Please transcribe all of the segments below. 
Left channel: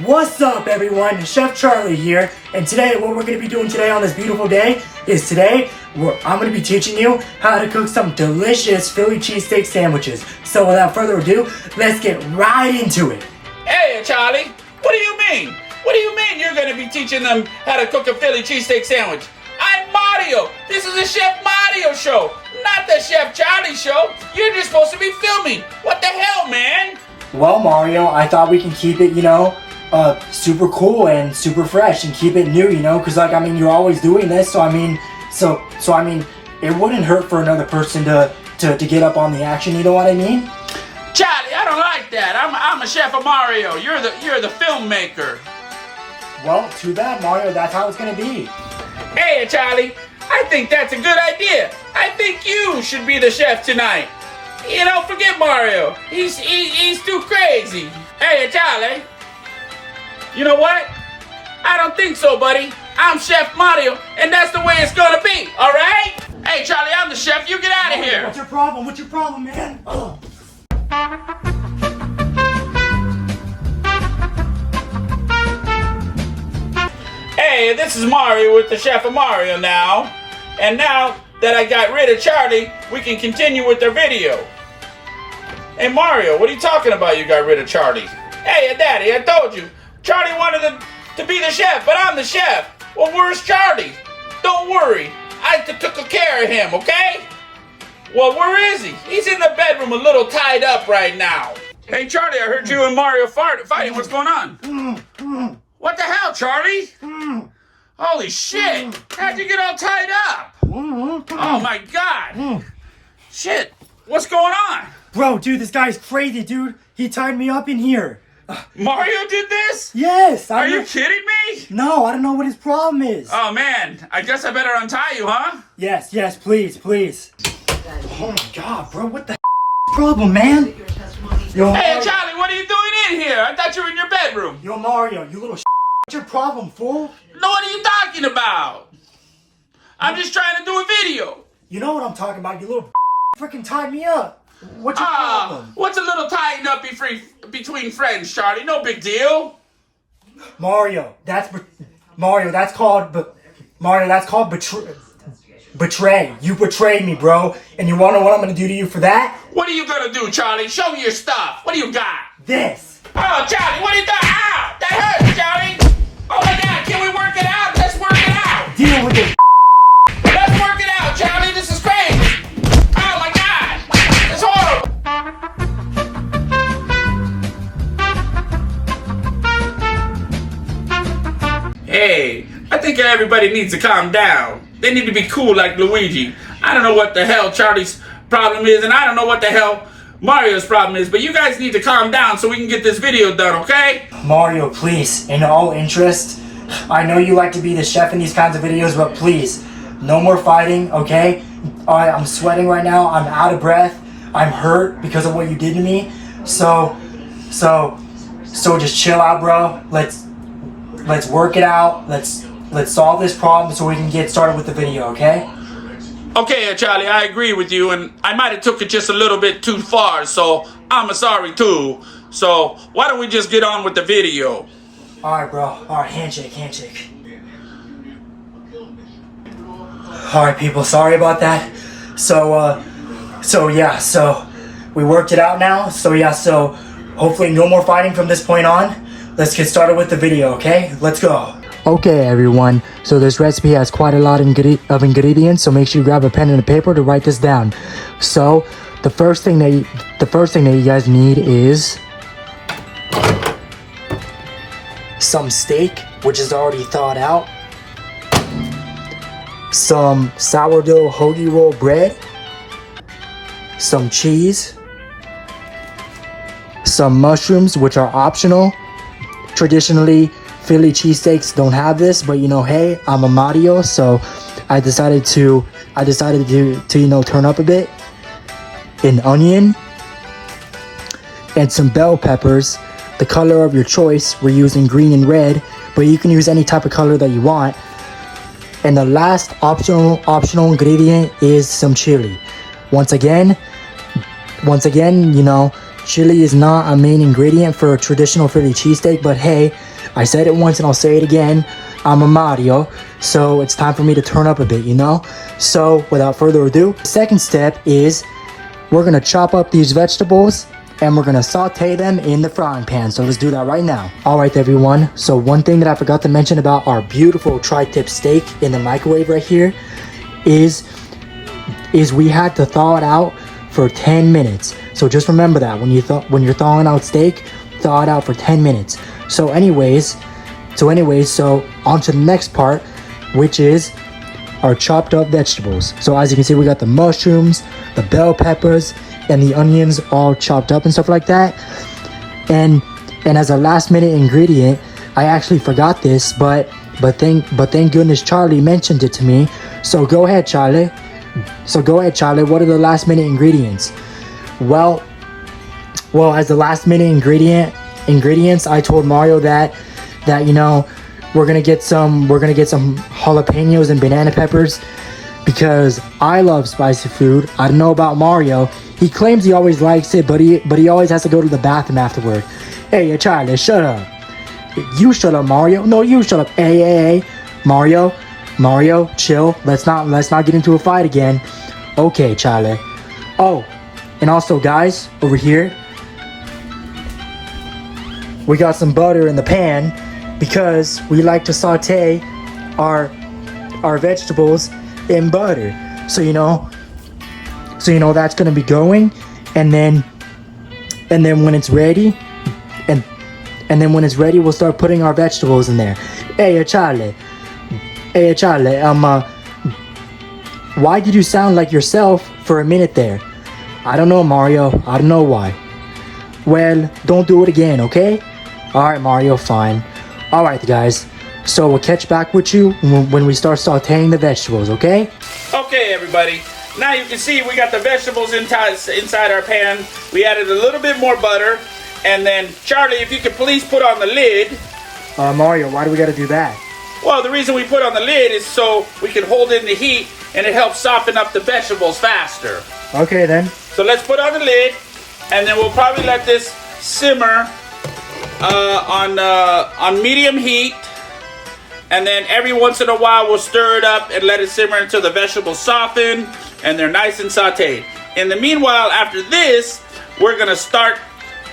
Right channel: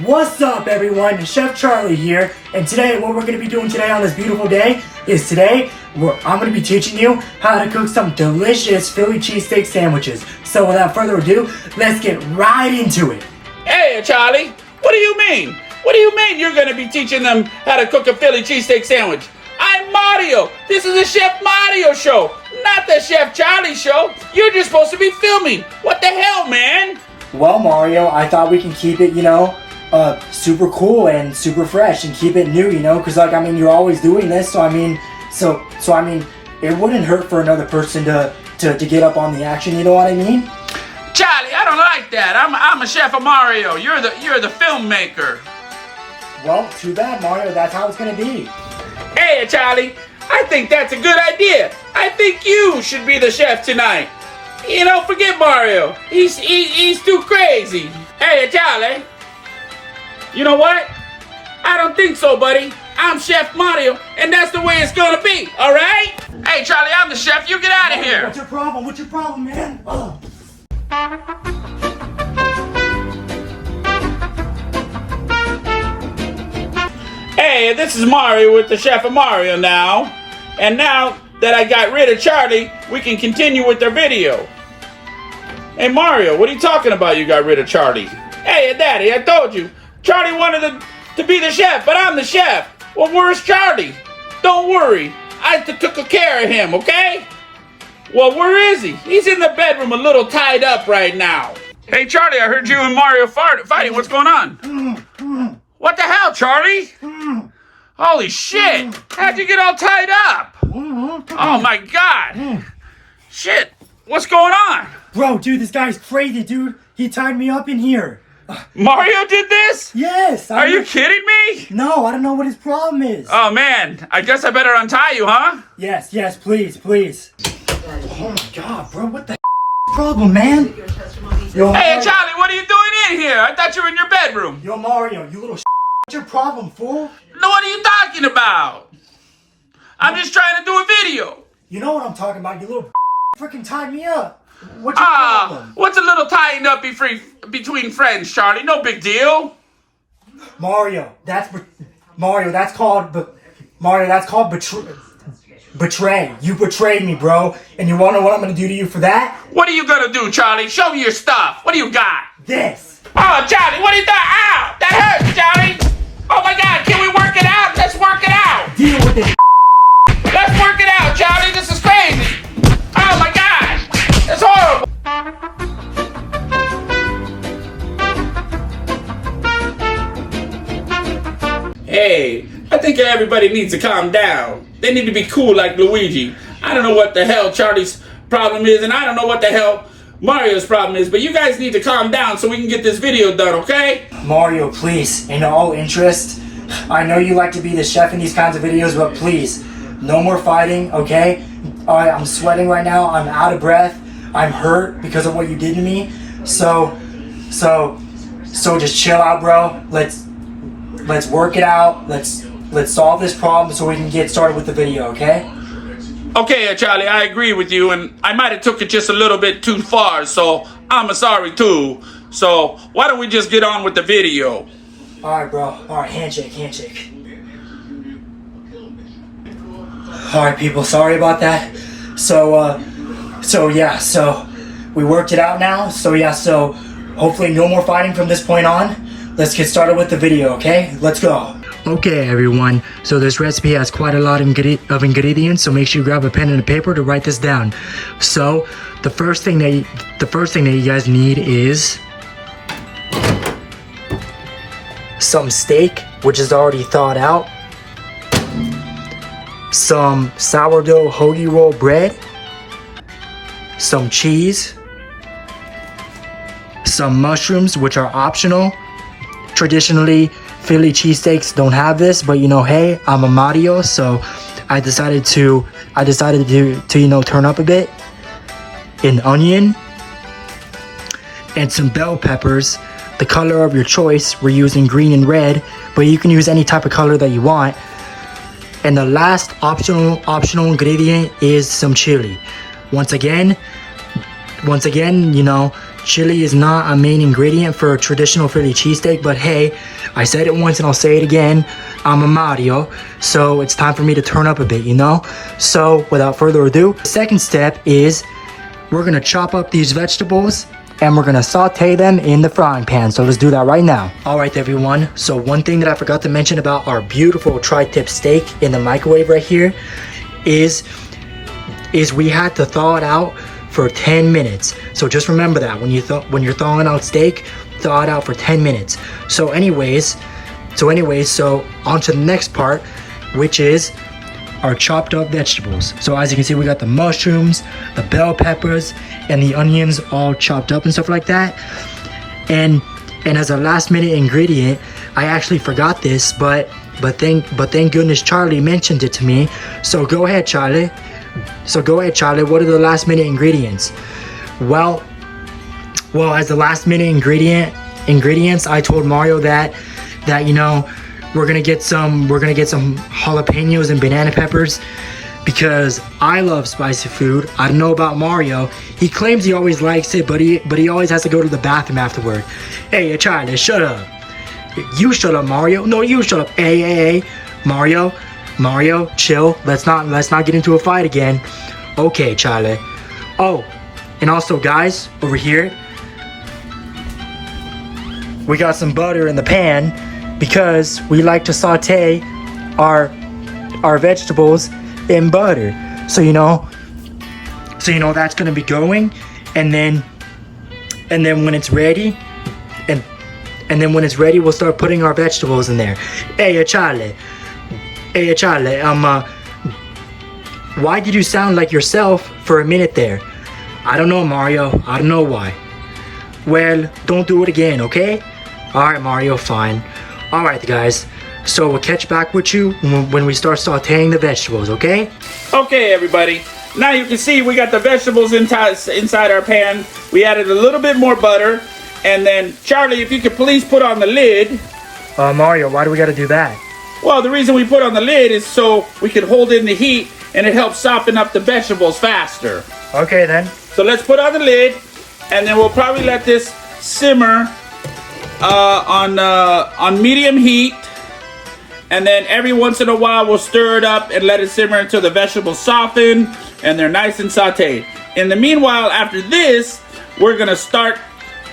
What's up, everyone? Chef Charlie here, and today what we're going to be doing today on this beautiful day is I'm going to be teaching you how to cook some delicious Philly cheesesteak sandwiches. So without further ado, let's get right into it. Hey, Charlie, what do you mean? What do you mean you're going to be teaching them how to cook a Philly cheesesteak sandwich? I'm Mario. This is the Chef Mario show, not the Chef Charlie show. You're just supposed to be filming. What the hell, man? Well, Mario, I thought we can keep it, super cool and super fresh and keep it new, because you're always doing this, so I mean, it wouldn't hurt for another person to get up on the action, you know what I mean? Charlie, I don't like that. I'm a Chef of Mario. You're the filmmaker. Well, too bad, Mario. That's how it's gonna be. Hey, Charlie, I think that's a good idea. I think you should be the chef tonight. Forget Mario. He's too crazy. Hey, Charlie. You know what? I don't think so, buddy. I'm Chef Mario, and that's the way it's gonna be, all right? Hey, Charlie, I'm the chef. You get out of here. What's your problem? What's your problem, man? Oh. Hey, this is Mario with the Chef of Mario now. And now that I got rid of Charlie, we can continue with our video. Hey, Mario, what are you talking about you got rid of Charlie? Hey, Daddy, I told you. Charlie wanted to be the chef, but I'm the chef. Well, where's Charlie? Don't worry. I took care of him, okay? Well, where is he? He's in the bedroom a little tied up right now. Hey, Charlie, I heard you and Mario fighting. What's going on? What the hell, Charlie? Holy shit. How'd you get all tied up? Oh, my God. Shit. What's going on? Bro, dude, this guy's crazy, dude. He tied me up in here. Mario did this? Yes. Are you kidding me? No, I don't know what his problem is. Oh, man. I guess I better untie you, huh? Yes, please. Oh, my God, bro. What the problem, man? Yo, Hey, Mario. Charlie, what are you doing in here? I thought you were in your bedroom. Yo, Mario, you little what's your problem, fool? No, what are you talking about? I'm just trying to do a video. You know what I'm talking about. You little freaking tied me up. What's your problem? What's a little tying up between friends, Charlie? No big deal. Mario, that's called betray. You betrayed me, bro. And you wanna know what I'm gonna do to you for that? What are you gonna do, Charlie? Show me your stuff. What do you got? This. Oh, Charlie, what are you doing? Ow! That hurts, Charlie! Oh my God, can we work it out? Let's work it out! Deal with it. Let's work it out, Charlie! This is crazy! Oh my God! It's horrible! Hey, I think everybody needs to calm down. They need to be cool like Luigi. I don't know what the hell Charlie's problem is, and I don't know what the hell Mario's problem is, but you guys need to calm down so we can get this video done, okay? Mario, please, in all interest, I know you like to be the chef in these kinds of videos, but please, no more fighting, okay? Alright, I'm sweating right now, I'm out of breath, I'm hurt because of what you did to me, so just chill out, bro. Let's work it out, let's solve this problem so we can get started with the video, okay? Okay, Charlie, I agree with you, and I might have took it just a little bit too far, so I'm sorry too. So why don't we just get on with the video? Alright, bro. Alright, handshake. Alright, people, sorry about that. So we worked it out now. So hopefully no more fighting from this point on. Let's get started with the video, okay? Let's go. Okay, everyone. So this recipe has quite a lot of ingredients, so make sure you grab a pen and a paper to write this down. So the first thing that you guys need is some steak, which is already thawed out, some sourdough hoagie roll bread, some cheese, some mushrooms, which are optional. Traditionally, Philly cheesesteaks don't have this, but hey, I'm a Mario, so I decided to turn up a bit. An onion and some bell peppers, the color of your choice. We're using green and red, but you can use any type of color that you want. And the last optional ingredient is some chili. Once again, chili is not a main ingredient for a traditional Philly cheesesteak, but hey, I said it once and I'll say it again. I'm a Mario, so it's time for me to turn up a bit, you know? So without further ado, the second step is we're gonna chop up these vegetables and we're gonna saute them in the frying pan. So let's do that right now. All right, everyone. So one thing that I forgot to mention about our beautiful tri-tip steak in the microwave right here is we had to thaw it out for 10 minutes. So just remember that when you're thawing out steak, thaw it out for 10 minutes. So anyways, on to the next part, which is our chopped up vegetables. So as you can see, we got the mushrooms, the bell peppers, and the onions all chopped up and stuff like that. And as a last minute ingredient, I actually forgot this, but thank goodness Charlie mentioned it to me. So go ahead, Charlie. What are the last minute ingredients? Well, as the last minute ingredients, I told Mario that you know, we're gonna get some jalapenos and banana peppers because I love spicy food. I don't know about Mario. He claims he always likes it, but he always has to go to the bathroom afterward. Hey, Charlie, shut up. You shut up, Mario. No, you shut up. Hey, Mario, chill. Let's not get into a fight again. Okay, Charlie. Oh, and also, guys, over here, we got some butter in the pan because we like to saute our vegetables in butter. So you know that's gonna be going, and then when it's ready, and then when it's ready, we'll start putting our vegetables in there. Hey, Charlie. Why did you sound like yourself for a minute there? I don't know, Mario. I don't know why. Well, don't do it again, okay? Alright, Mario, fine. Alright, guys. So we'll catch back with you when we start sauteing the vegetables, okay? Okay, everybody. Now you can see we got the vegetables inside our pan. We added a little bit more butter. And then, Charlie, if you could please put on the lid. Mario, why do we gotta do that? Well, the reason we put on the lid is so we can hold in the heat and it helps soften up the vegetables faster. Okay, then. So let's put on the lid and then we'll probably let this simmer on medium heat. And then every once in a while we'll stir it up and let it simmer until the vegetables soften and they're nice and sauteed. In the meanwhile, after this, we're gonna start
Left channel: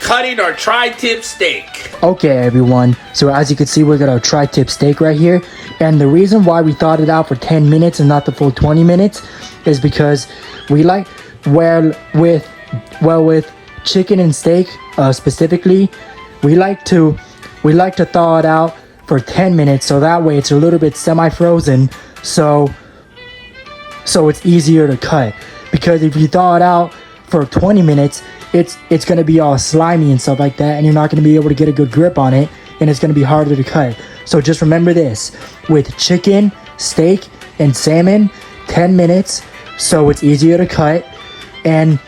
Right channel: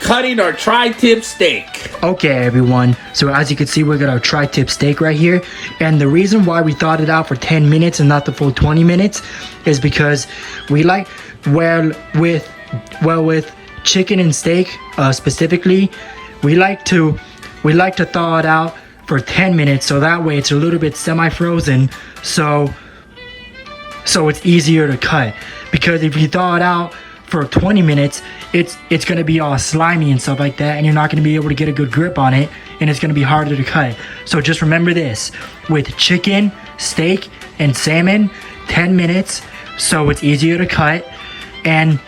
cutting our tri-tip steak. Okay, everyone. So as you can see, we got our tri-tip steak right here. And the reason why we thawed it out for 10 minutes and not the full 20 minutes is because we like, with chicken and steak specifically, we like to thaw it out for 10 minutes, so that way it's a little bit semi-frozen, so it's easier to cut. Because if you thaw it out for 20 minutes, it's gonna be all slimy and stuff like that, and you're not gonna be able to get a good grip on it, and it's gonna be harder to cut. So just remember this: with chicken, steak, and salmon, 10 minutes, so it's easier to cut, and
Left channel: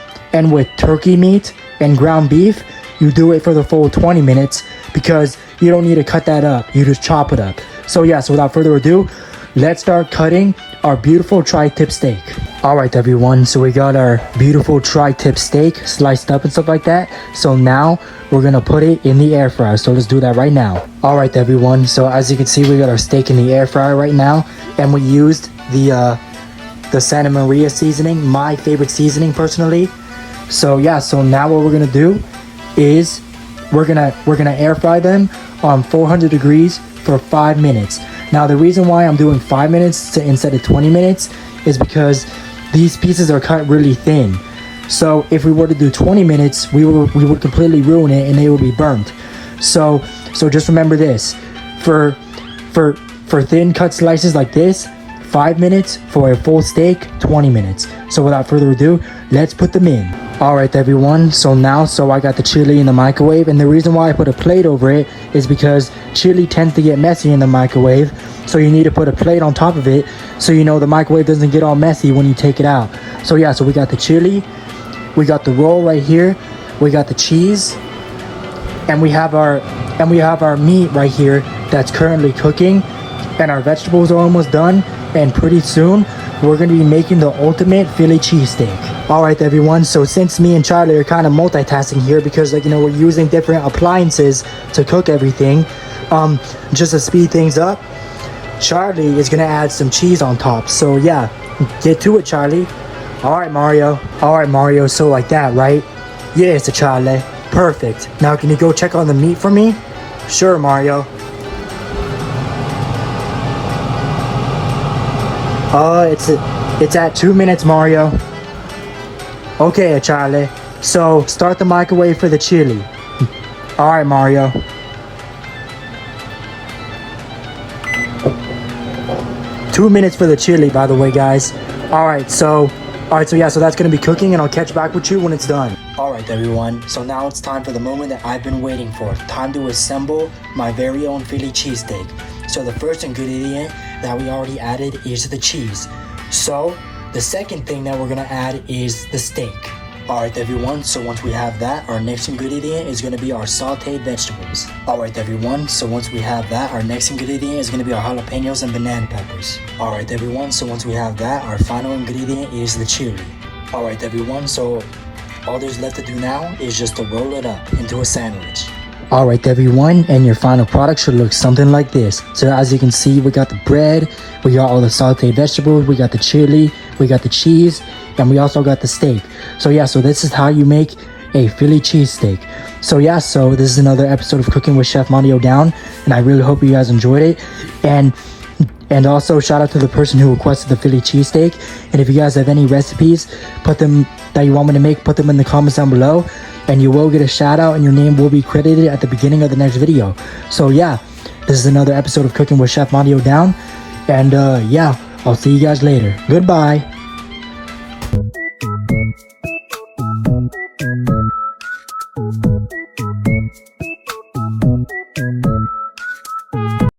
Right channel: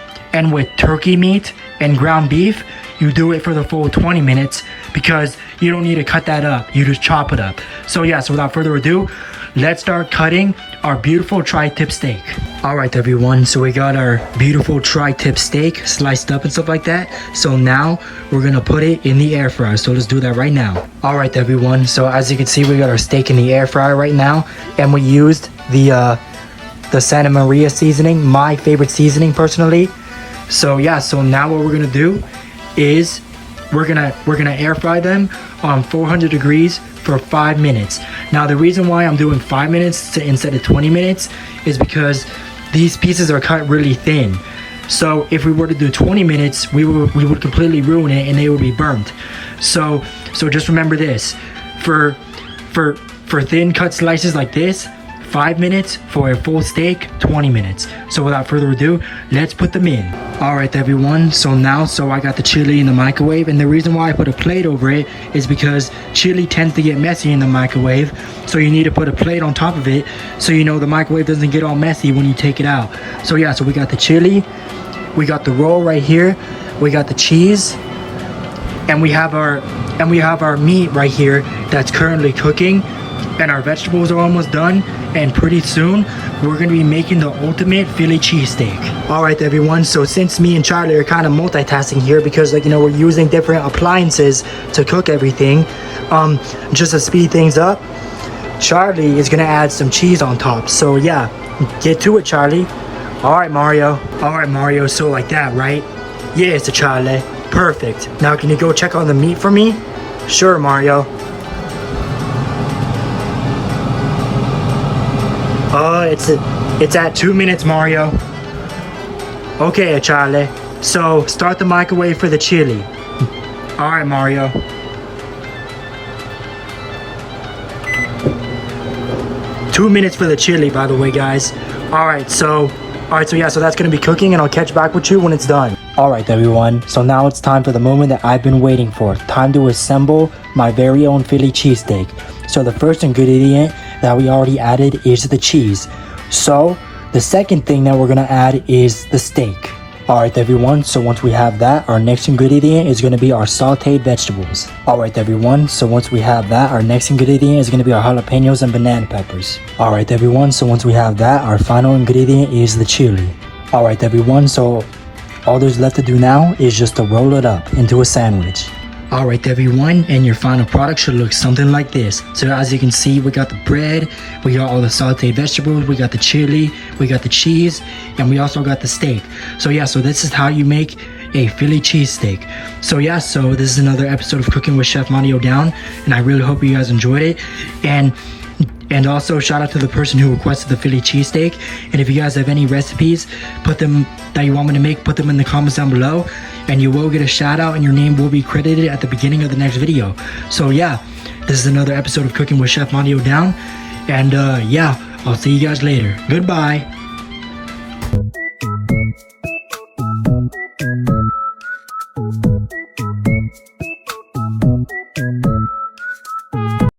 with turkey meat and ground beef, you do it for the full 20 minutes because you don't need to cut that up. You just chop it up. So yeah, so without further ado, let's start cutting our beautiful tri-tip steak. All right, everyone, so we got our beautiful tri-tip steak sliced up and stuff like that. So now we're gonna put it in the air fryer. So let's do that right now. All right, everyone, so as you can see, we got our steak in the air fryer right now, and we used the Santa Maria seasoning, my favorite seasoning personally. So yeah, so now what we're gonna do is we're gonna air fry them on 400 degrees for 5 minutes. Now the reason why I'm doing 5 minutes instead of 20 minutes is because these pieces are cut really thin. So if we were to do 20 minutes, we would completely ruin it and they would be burnt. So just remember this: for thin cut slices like this, 5 minutes. For a full steak, 20 minutes. So without further ado, let's put them in. Alright, everyone, so I got the chili in the microwave, and the reason why I put a plate over it is because chili tends to get messy in the microwave, so you need to put a plate on top of it so you know the microwave doesn't get all messy when you take it out. So yeah, so we got the chili, we got the roll right here, we got the cheese, and we have our meat right here that's currently cooking, and our vegetables are almost done, and pretty soon we're going to be making the ultimate Philly cheesesteak. All right, everyone. So since me and Charlie are kind of multitasking here because, like, we're using different appliances to cook everything, just to speed things up, Charlie is gonna add some cheese on top. So yeah, get to it, Charlie. All right, Mario. All right, Mario. So like that, right? Yes, Charlie. Perfect. Now can you go check on the meat for me? Sure, Mario. It's at 2 minutes, Mario. Okay, Charlie. So start the microwave for the chili. All right, Mario. Two minutes for the chili, by the way, guys. All right, so yeah, so that's gonna be cooking, and I'll catch back with you when it's done. All right, everyone. So now it's time for the moment that I've been waiting for. Time to assemble my very own Philly cheesesteak. So the first ingredient that we already added is the cheese. So the second thing that we're gonna add is the steak. Alright everyone, so once we have that, our next ingredient is going to be our sauteed vegetables. Alright everyone, so once we have that, our next ingredient is going to be our jalapenos and banana peppers. Alright everyone, so once we have that, our final ingredient is the chili. Alright everyone, so all there's left to do now is just to roll it up into a sandwich. Alright everyone, and your final product should look something like this. So as you can see, we got the bread, we got all the sauteed vegetables, we got the chili, we got the cheese, and we also got the steak. So yeah, so this is how you make a Philly cheesesteak. So yeah, so this is another episode of Cooking with Chef Mario Down, and I really hope you guys enjoyed it. And also shout out to the person who requested the Philly cheesesteak. And if you guys have any recipes, that you want me to make, put them in the comments down below. And you will get a shout out and your name will be credited at the beginning of the next video. So yeah, this is another episode of Cooking with Chef Mario Down. And yeah, I'll see you guys later. Goodbye.